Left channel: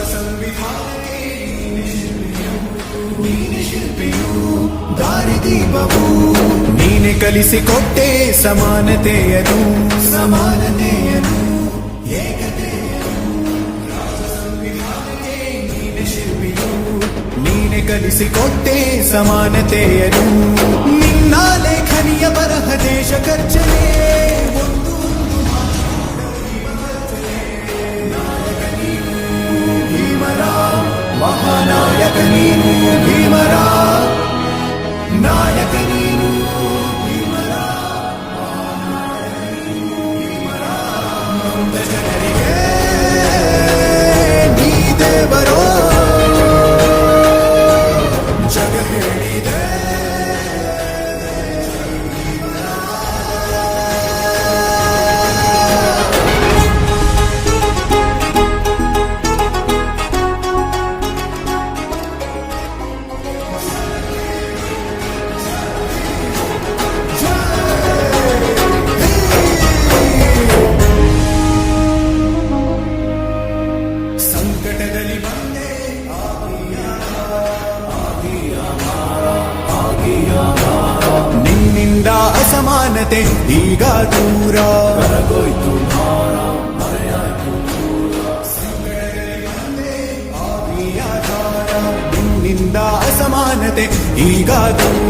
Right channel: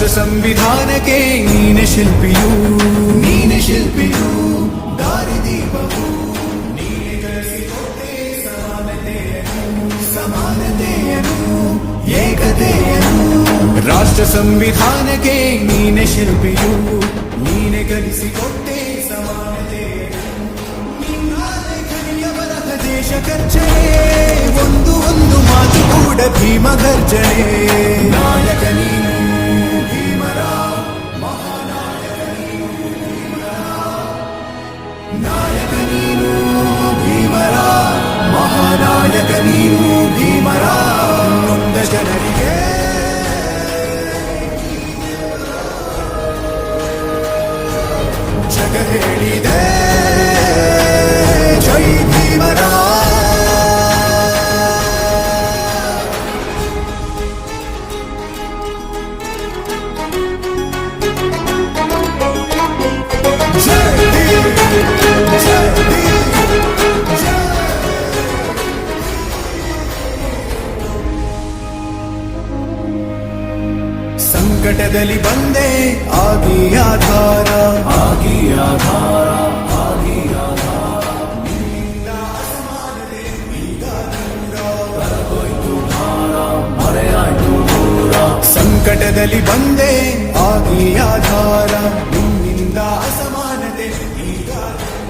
ರಾಷ್ಟ್ರ ಸಂವಿಧಾನಕ್ಕೆ ನೀನೆ ಶಿಲ್ಪಿಯು, ನೀನೆ ಶಿಲ್ಪಿಯು, ದಾರಿದೀಪವು ನೀನೆ ಕಲಿಸಿಕೊಟ್ಟೆ ಸಮಾನತೆಯನು, ಸಮಾನತೆಯನು, ಏಕತೆಯನು. ರಾಷ್ಟ್ರ ಸಂವಿಧಾನಕ್ಕೆ ನೀನೆ ಶಿಲ್ಪಿಯು, ನೀನೆ ಕಲಿಸಿಕೊಟ್ಟೆ ಸಮಾನತೆಯನು. ನಿನ್ನ ಲೇಖನಿಯ ಬರಹ ದೇಶ ಖರ್ಚನೆ, ಒಂದು ಒಂದು ಮಾತು ಕೂಡ ಭೀಮ ಗರ್ಜನೆ. ನಾಯಕ ನೀನು ಭೀಮರ, ಮಹಾನಾಯಕ ನೀನು ಭೀಮರ, ನಾಯಕ ನೀನು ಭೀಮರ, ಮಹಾನಾಯಕ ನೀನು ಭೀಮರ. ನೊಂದ ಜನರಿಗೆ ನೀ ದೇವರೋ ಜಗ ಹೇಳಿದೆ ಜೈ ಭೀಮರ. ಸಂಕಟದಲ್ಲಿ ಬಂದೆ ಆಗಿ ಆಧಾರ, ಆಗಿ ಆಧಾರ, ಆಗಿ ಆಧಾರ. ನಿನ್ನಿಂದ ಅಸಮಾನತೆ ಈಗ ದೂರ, ಕರಗೋಯ್ತು ಭಾರ, ಮರೆಯಾಯ್ತು ದೂರ. ಸಂಕಟದಲ್ಲಿ ಬಂದೆ ಆಗಿ ಆಧಾರ, ನಿನ್ನಿಂದ ಅಸಮಾನತೆ ಈಗ ದೂರ.